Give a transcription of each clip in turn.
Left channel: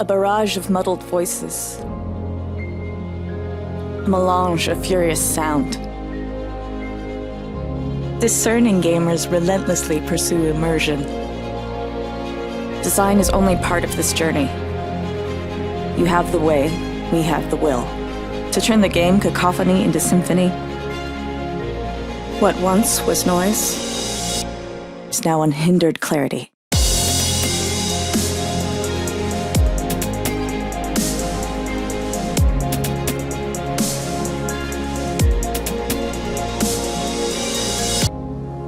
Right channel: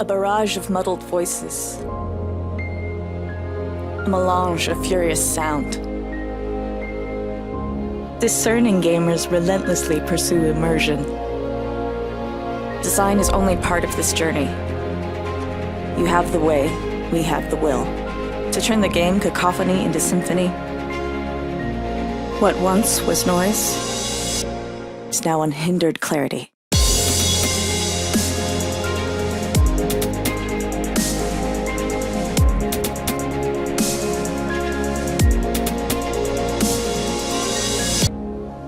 A barrage of muddled voices. A melange of furious sound. Discerning gamers relentlessly pursue immersion. Design is only part of this journey. You have the way, we have the will. To turn the game cacophony into symphony. What once was noise is now unhindered clarity.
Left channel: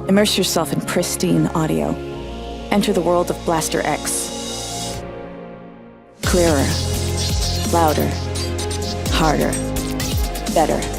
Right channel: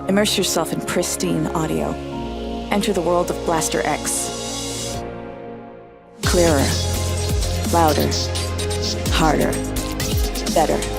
Immerse yourself in pristine audio. Enter the world of BlasterX. Clearer, louder, harder, better.